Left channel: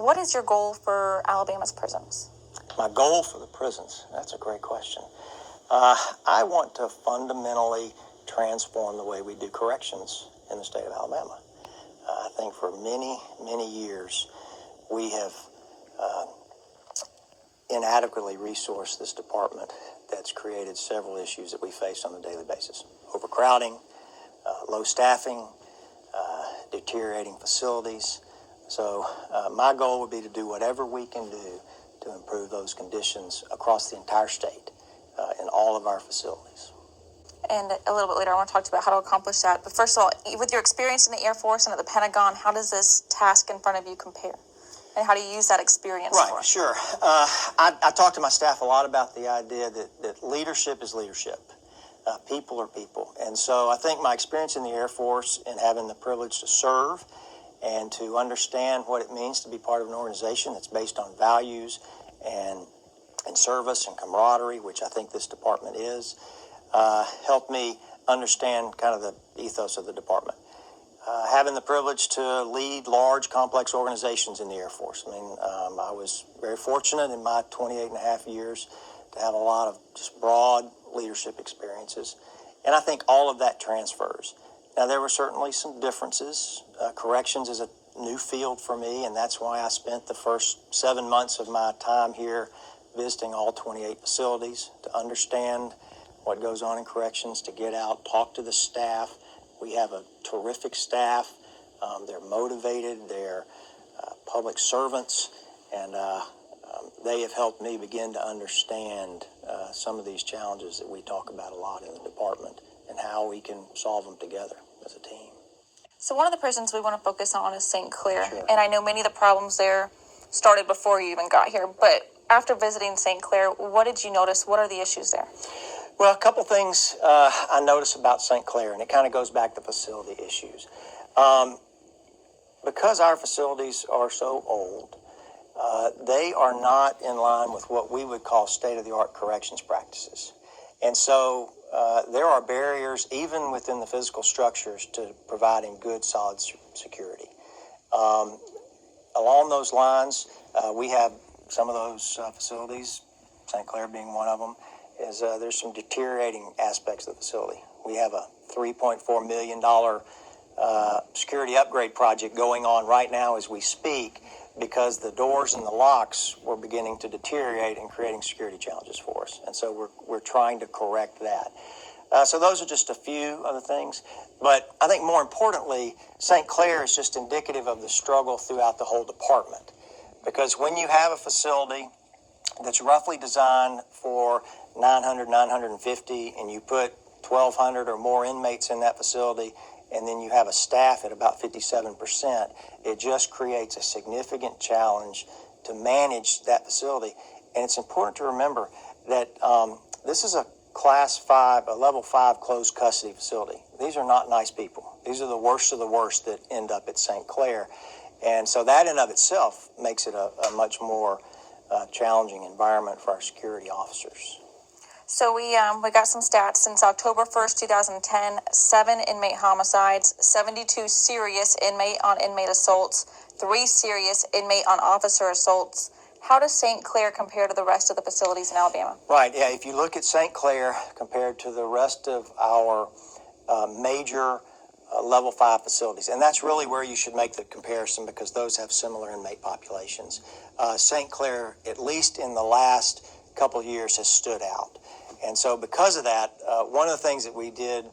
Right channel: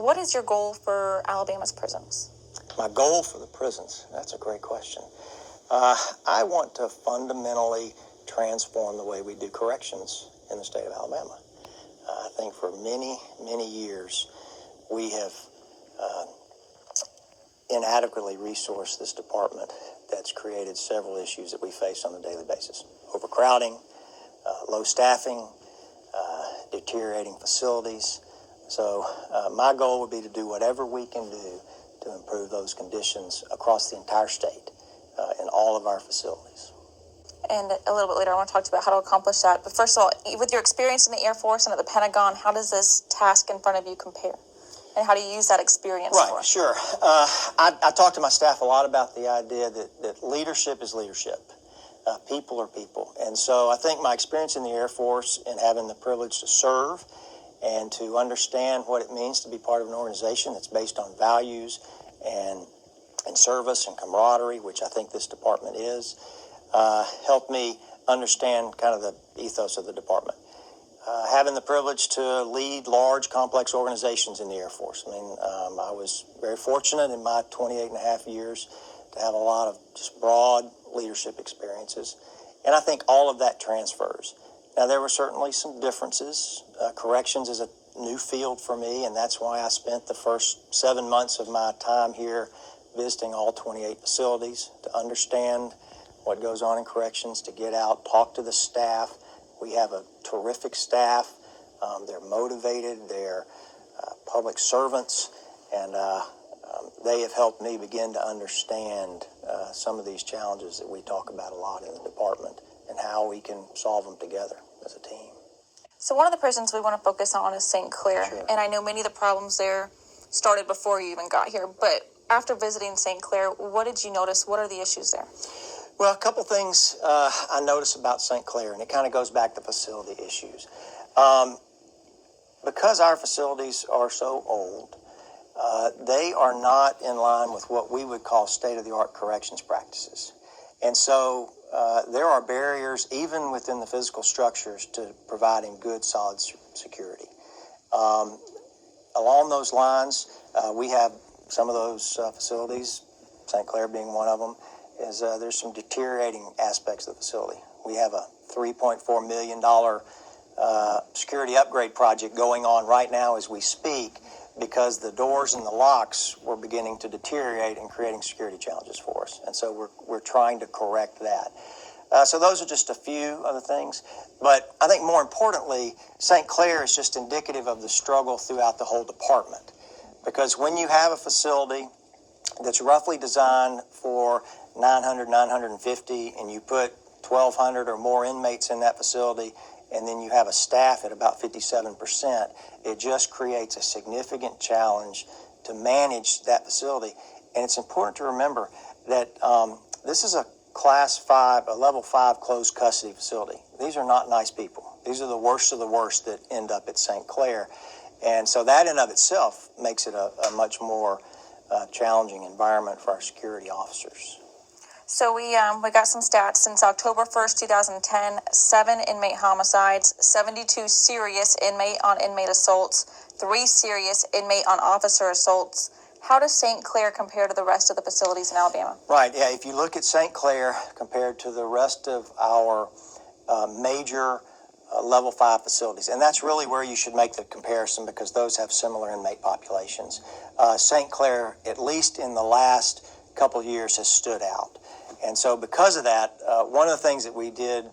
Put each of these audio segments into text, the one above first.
What is your goal for Alabama's prisons? My goal for the prisons? That's a great question. I want to fundamentally transform the way we do corrections in the state of Alabama. I think for many, many years we have inadequately resourced this department. That's created several issues that we face on a daily basis. Overcrowding, low staffing, deteriorating facilities. So my goal would be to do whatever we can do to improve those conditions across the entire state in all of our facilities. And a little bit later, I want to talk to you about how to accomplish that. But first of all, with your experience in the Air Force and at the Pentagon, how does this task in front of you compare? And how do you use that experience? Right, sure. I talk to my staff a lot about the idea that leadership is leadership. People are people. And so I think my experience in the Air Force and having the privilege to serve and to understand what it means to be part of an organization that's based on values and service and camaraderie, which I think this department is, helped me understand kind of the ethos of the department. Having the privilege to lead large, complex organizations in the Air Force. I mean, I was very fortunate in my 28 and a half years to have a lot of just broad leadership experiences. And I think all of that transfers. Now, there were certainly some differences. Corrections is a new field for me, and that's why I spent the first 7 months of my time here visiting all 28 facilities to understand what goes on in corrections, to get out, talk to the staff. We have a terrific staff. They're motivated. They're public servants, and they have helped me begin to understand some of these challenges that we talk about a lot in the department and how we can solve them together as a team. So one of the prisons we want to focus on is St. Clair. Sure. And I know many of the problems there started before you even got here. But after visiting St. Clair, what did you notice? What are the issues there? Well, a couple things I noticed about St. Clair, and it kind of goes back to facility issues. Because our facilities are so old, they are not in line with what we would call state-of-the-art corrections practices. And so there are barriers, even within the physical structures, to providing good, solid security. Along those lines, we have some of those facilities, St. Clair being one of them, is there's some deteriorating aspects of the facility. We have a $3.4 million security upgrade project going on right now as we speak, because the doors and the locks were beginning to deteriorate and creating security challenges for us. And so we're trying to correct that. So those are just a few of the things. But I think more importantly, St. Clair is just indicative of the struggle throughout the whole department. Because when you have a facility that's roughly designed for 900, 950, and you put 1,200 or more inmates in that facility, and then you have a staff at about 57%, it just creates a significant challenge to manage that facility. And it's important to remember that this is a Class 5, a Level 5 closed custody facility. These are not nice people. These are the worst of the worst that end up at St. Clair. And so that in of itself makes it a much more challenging environment for our security officers. So we got some stats. Since October 1st, 2010, 7 inmate homicides, 72 serious inmate-on-inmate assaults, 3 serious inmate-on-officer assaults. How does St. Clair compare to the rest of the facilities in Alabama? Right, yeah, if you look at St. Clair compared to the rest of our major Level 5 facilities, and that's really where you should make the comparison because those have similar inmate populations. St. Clair, at least in the last couple of years, has stood out. And so because of that, one of the things that we did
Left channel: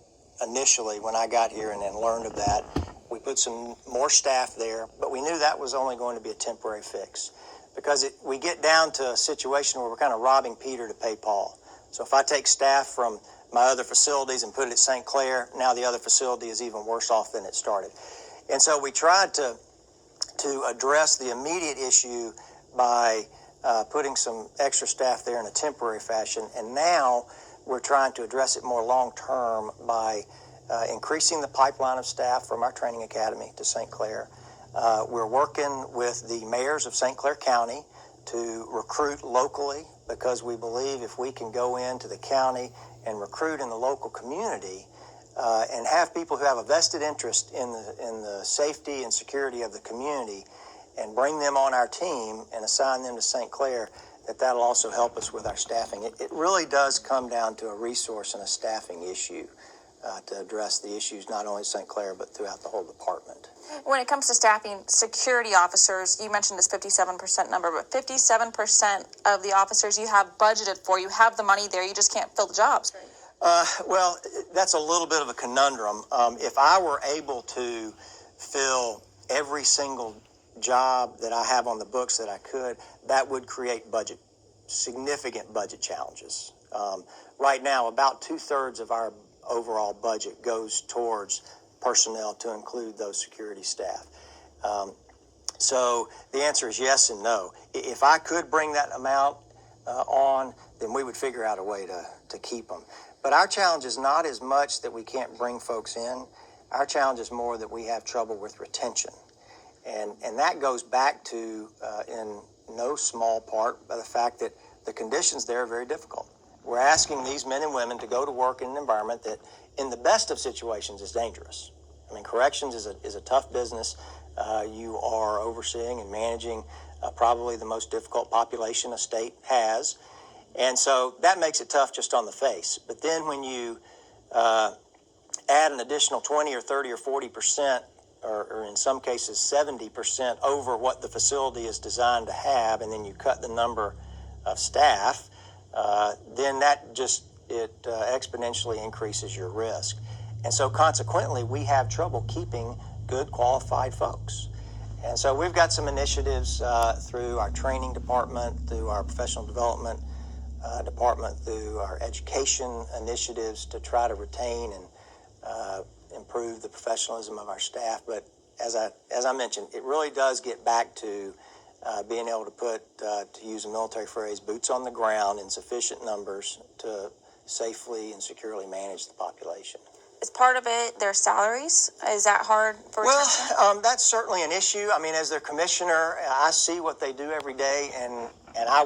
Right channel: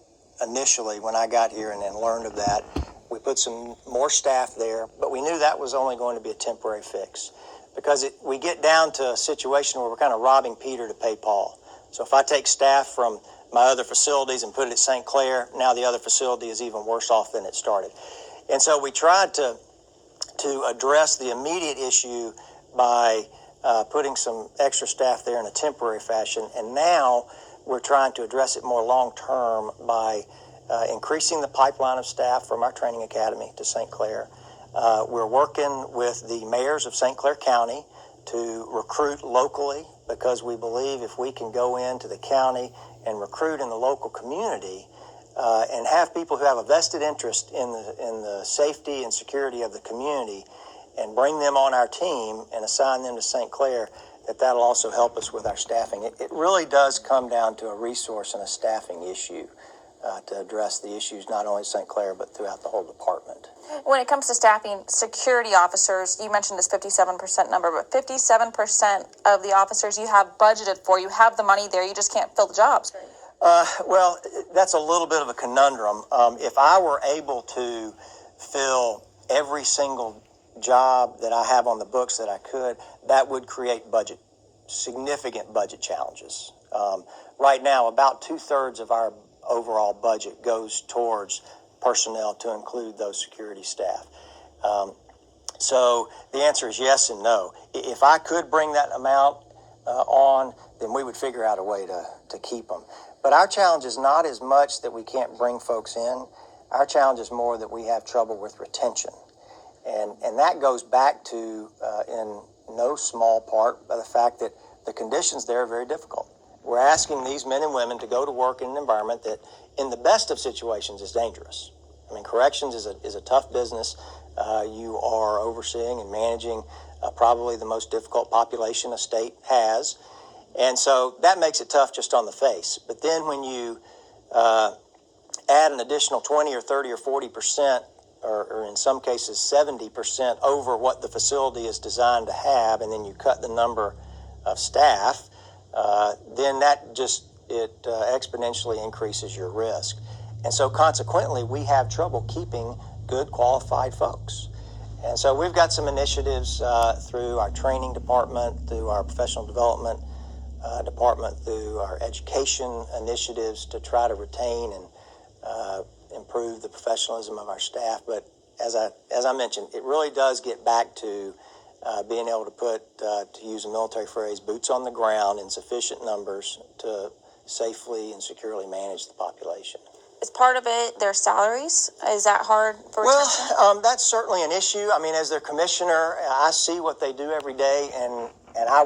initially when I got here and then learned of that, we put some more staff there, but we knew that was only going to be a temporary fix because we get down to a situation where we're kind of robbing Peter to pay Paul. So if I take staff from my other facilities and put it at St. Clair, now the other facility is even worse off than it started. And so we tried to address the immediate issue by putting some extra staff there in a temporary fashion, and now we're trying to address it more long-term by increasing the pipeline of staff from our training academy to St. Clair. We're working with the mayors of St. Clair County to recruit locally because we believe if we can go into the county and recruit in the local community and have people who have a vested interest in the safety and security of the community, and bring them on our team and assign them to St. Clair, that'll also help us with our staffing. It really does come down to a resource and a staffing issue to address the issues not only at St. Clair but throughout the whole department. When it comes to staffing security officers, you mentioned this 57% number, but 57% of the officers you have budgeted for, you have the money there, you just can't fill the jobs. Well, that's a little bit of a conundrum. If I were able to fill every single job that I have on the books that I could, that would create significant budget challenges. Right now, about 2/3 of our overall budget goes towards personnel to include those security staff. So the answer is yes and no. If I could bring that amount on, then we would figure out a way to keep them. But our challenge is not as much that we can't bring folks in. Our challenge is more that we have trouble with retention. And that goes back to, in no small part, by the fact that the conditions there are very difficult. We're asking these men and women to go to work in an environment that, in the best of situations, is dangerous. I mean, corrections is a tough business. You are overseeing and managing probably the most difficult population a state has. And so that makes it tough just on the face. But then when you add an additional 20 or 30 or 40%, or in some cases 70% over what the facility is designed to have, and then you cut the number of staff, then that just exponentially increases your risk. And so consequently, we have trouble keeping good qualified folks. And so we've got some initiatives through our training department, through our professional development department, through our education initiatives to try to retain and improve the professionalism of our staff. But as I mentioned, it really does get back to being able to put, to use a military phrase, boots on the ground in sufficient numbers to safely and securely manage the population. Is part of it their salaries? Is that hard for retention? Well, that's certainly an issue. I mean, as their commissioner, I see what they do every day, and I